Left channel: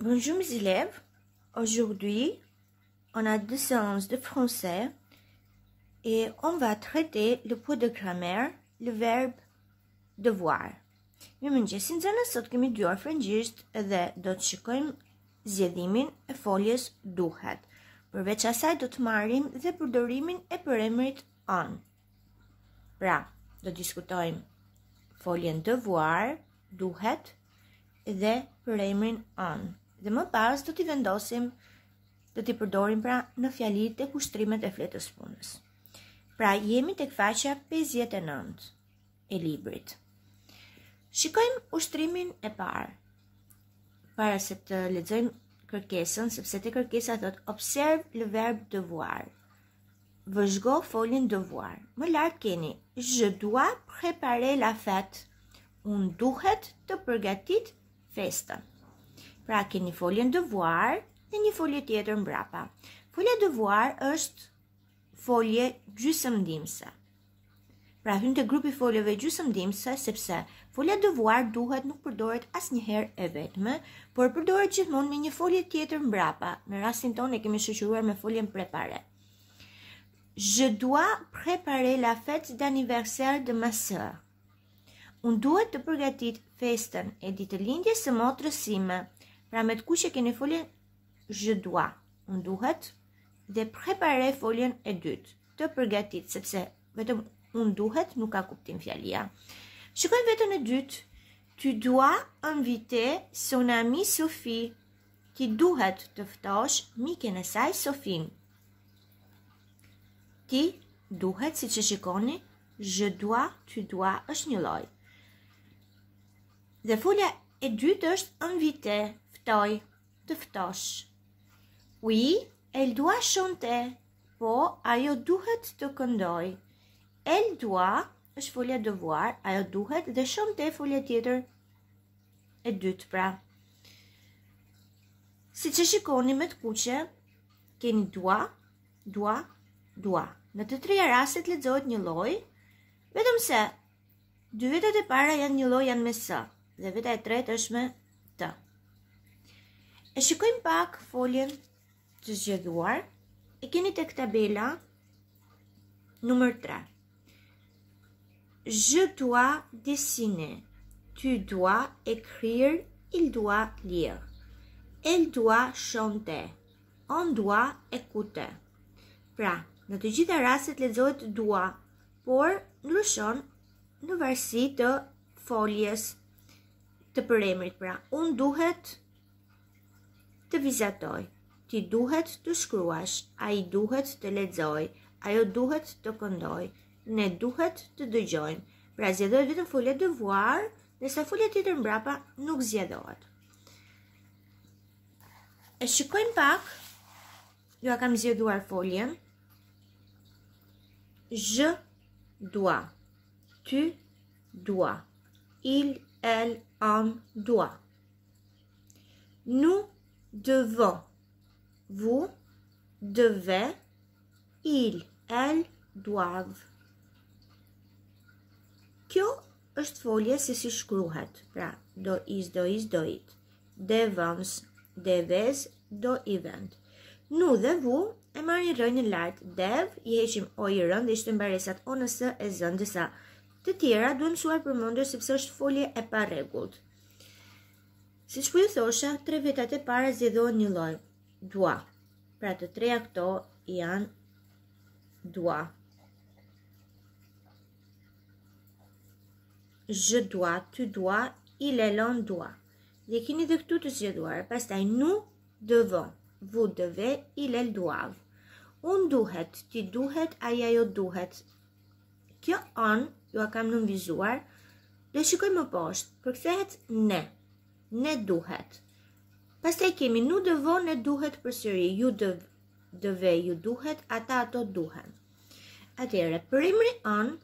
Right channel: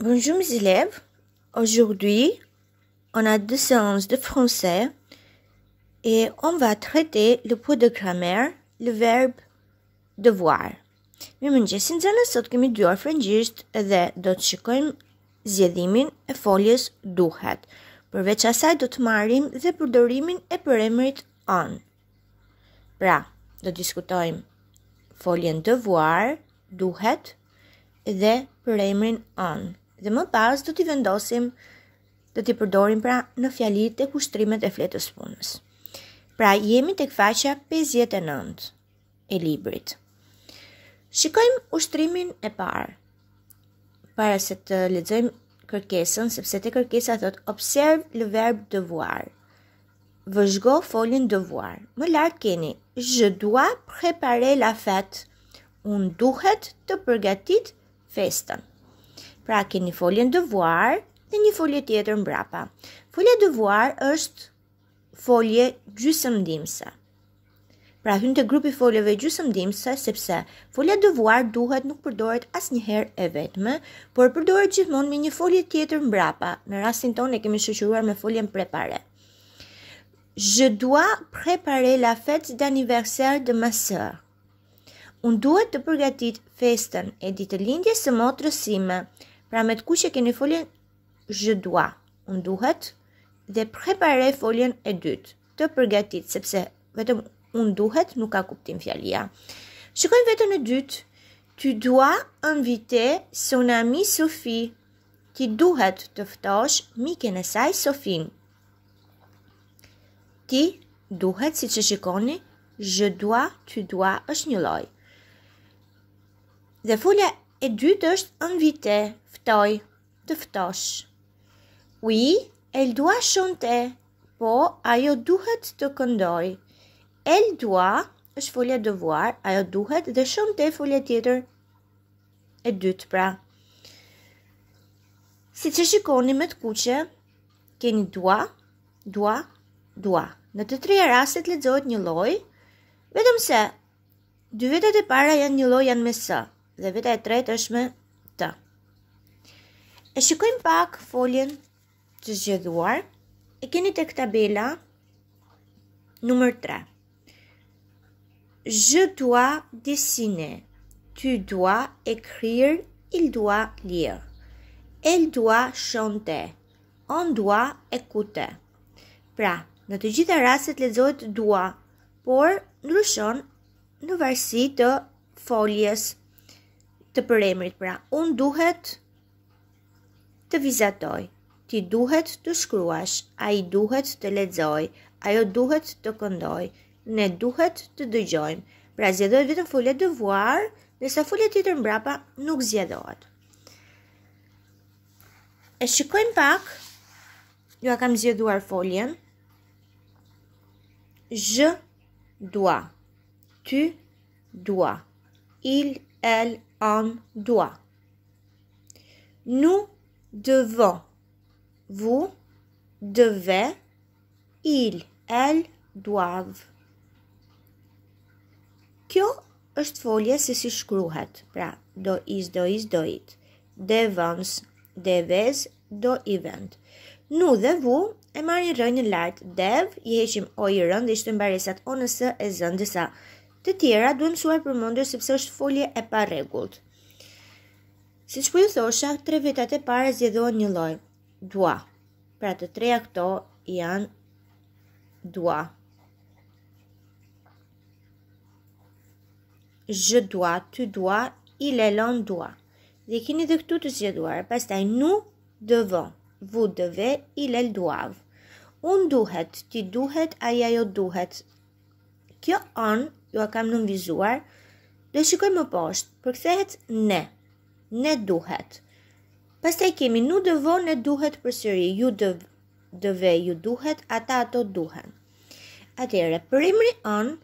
Bonjour mes élèves, aujourd'hui on a 2 séances de français et on va traiter le pot de grammaire, le verbe devoir. Mirëmëngjes, nxënës, sot kemi dëgjuar frëngjisht dhe do të shikojmë zgjedhimin e foljes duhet. Përveç asaj do të marrim dhe përdorimin e përemrit on. Pra, do të diskutojmë foljen devoir, duhet dhe përemrin on. Dhe më pas do t'i vendosim, do t'i përdorim pra në fjalitë e kushtrimet e fletës punës. Pra jemi tek faqja 59 e librit. Shikojmë ushtrimin e parë. Para se të lexojmë kërkesën, sepse te kërkesa thot observe le verbe devoir. Vëzhgo foljen devoir. Më lart keni je dois préparer la fête. Unë duhet të përgatit festën. Pra keni foljen devoir dhe një folje tjetër mbrapa. Folja devoir është folje gjysmëndimse. Pra hyn te grupi foljeve gjysmëndimse sepse folja devoir duhet nuk përdoret asnjëherë e vetme, por përdoret gjithmonë me një folje tjetër mbrapa. Në rastin tonë e kemi shoqëruar me foljen préparer. Je dois préparer la fête d'anniversaire de ma sœur. Unë duhet të përgatit festën e ditëlindjes së motrës sime. Pra me të kuqe keni foljen je dois, unë duhet, dhe préparer foljen e dytë, të përgatit, sepse vetëm unë duhet nuk ka kuptim fjalia. Shikojmë vetën e dytë. Tu dois inviter son ami Sophie. Ti duhet të ftosh miken e saj Sofin. Ti duhet, si që shikoni, je dois, tu dois është një lloj. Dhe folja e dytë është inviter, ftoj, të ftosh. Oui, elle doit chanter, po ajo duhet të këndoj. Elle doit është folja devoir, ajo duhet, dhe chanter folja tjetër e dytë pra. Si që shikoni me të kuqe, keni doit, doit, doit. Në të treja rastet lexohet një lloj, vetëm se dy vetat e para janë një lloj, janë me s, dhe veta e tretë është me t. E shikojmë pak foljen të zgjedhuar. E keni tek tabela numër 3. Je dois dessiner. Tu dois écrire. Il doit lire. Elle doit chanter. On doit écouter. Pra, në të gjitha rastet lexohet doit, por ndryshon në varësi të foljes të përemrit. Pra, unë duhet të vizatoj, ti duhet të shkruash, ai duhet të lexoj, ajo duhet të këndoj, ne duhet të dëgjojmë. Pra zgjedhohet vetëm folja devoir, ndërsa folja tjetër mbrapa nuk zgjedhohet. E shikojmë pak, ju kam zgjedhuar foljen. Je dois, tu dois, il, elle, on doit. Nous devons, vous devez, il, elle, doivent. Kjo është folje se si shkruhet. Pra, do is, do it. Devons, devez, do i vend. Nu dhe vu e marrin rënjën lartë. Dev, i heqim o i rënd dhe ishte mbaresat o nësë e zënd, disa të tjera duhet mësuar përmendur sepse është folje e pa rregullt. Siç po ju thosha, tre vetat e para zgjedhohen një lloj. Doit. Pra të treja këto janë doit. Je dois, tu dois, il, elle, on doit. Dhe keni dhe këtu të zgjedhuar. Pastaj nous devons, vous devez, il, elle, doivent. Unë duhet, ti duhet, ai, ajo duhet. Kjo on ju a kam nënvizuar. Do shikojmë më poshtë. Përkthehet ne. Ne duhet. Pastaj kemi nous devons, ne duhet përsëri. Ju deve, ju duhet, ata ato duhen. Atëherë, përemri on,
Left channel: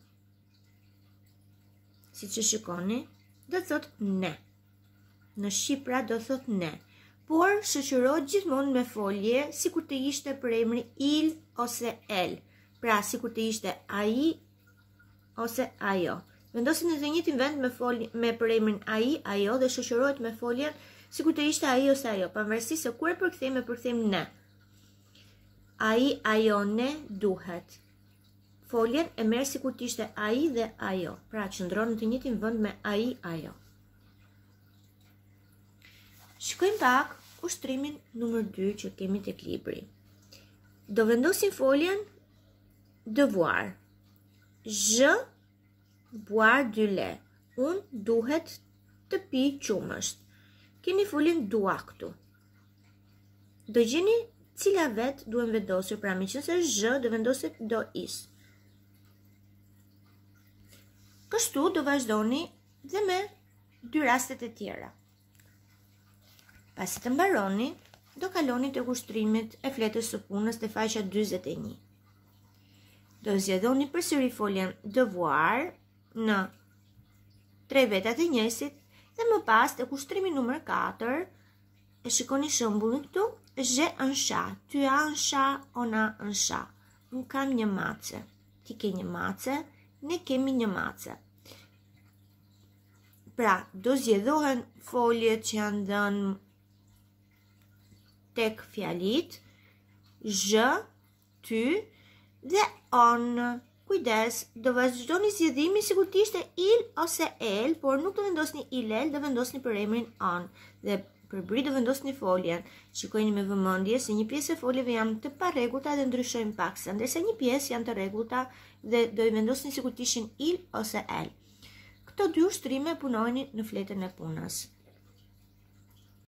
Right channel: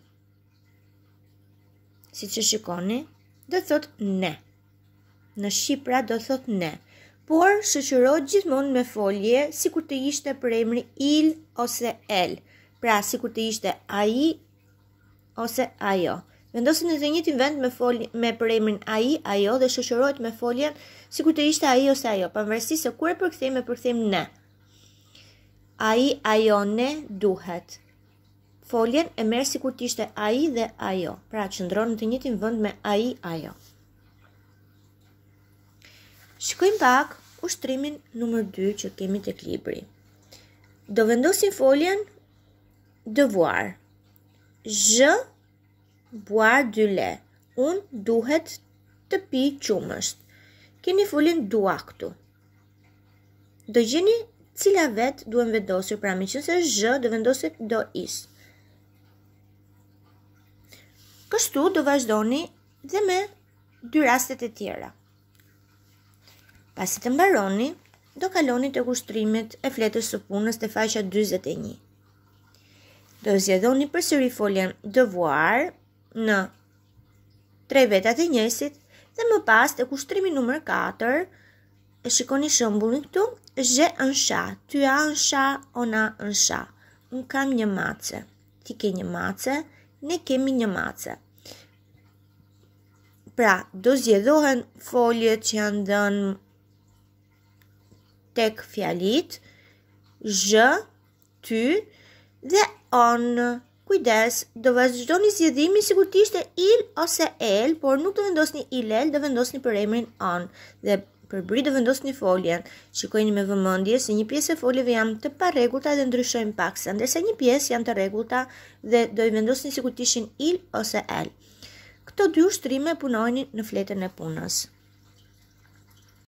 si që shikoni, do thot ne. Në shqipra do thot ne. Por shoqërohet gjithmonë me folje si kur të ishte përemri il ose el. Pra si kur të ishte ai ose ajo. Vendosen në të njëjtin vend me përemrin ai, ajo dhe shoqërohet me foljen sikur të ishte ai ose ajo, pavarësisht se kur e përkthejmë ne. Ai, ajo, ne, duhet. Foljen e merr sikur të ishte ai dhe ajo, pra qëndron në të njëjtin vend me ai, ajo. Shikojmë pak ushtrimin numër 2 që kemi tek libri. Do vendosim foljen devoir. Je boire du lait. Unë duhet të pi qumësht. Kemi foljen doit këtu. Do gjeni cila vet duhen vendosur, pra meqense je do vendoset do is. Kështu do vazhdoni dhe me dy rastet e tjera. Pasi të mbaroni, do kaloni të kushtrimet e fletës së punës të faqja 41. Do zgjedhoni përsëri foljen devoir në 3 vetat e njësit dhe më pas të kushtrimi numër 4, e shikoni shembullin këtu, j'ai un chat, tu as un chat, on a un chat. Unë kam një mace, ti ke një mace, ne kemi një mace. Pra, do zgjedhohen foljet që janë dhënë tek fjalit, je, ty dhe on. Kujdes, do vazhdoni zgjedhimin sikur të ishte il ose el, por nuk do vendosni il el, do vendosni për emrin on. Dhe për bri do vendosni foljen. Shikojini me vëmendje se një pjesë e foljeve janë të parregullta dhe ndryshojnë paksa, ndërsa një pjesë janë të rregullta dhe do i vendosni sikur të ishin il ose el. Këto dy ushtrime punojnë në fletën e punës.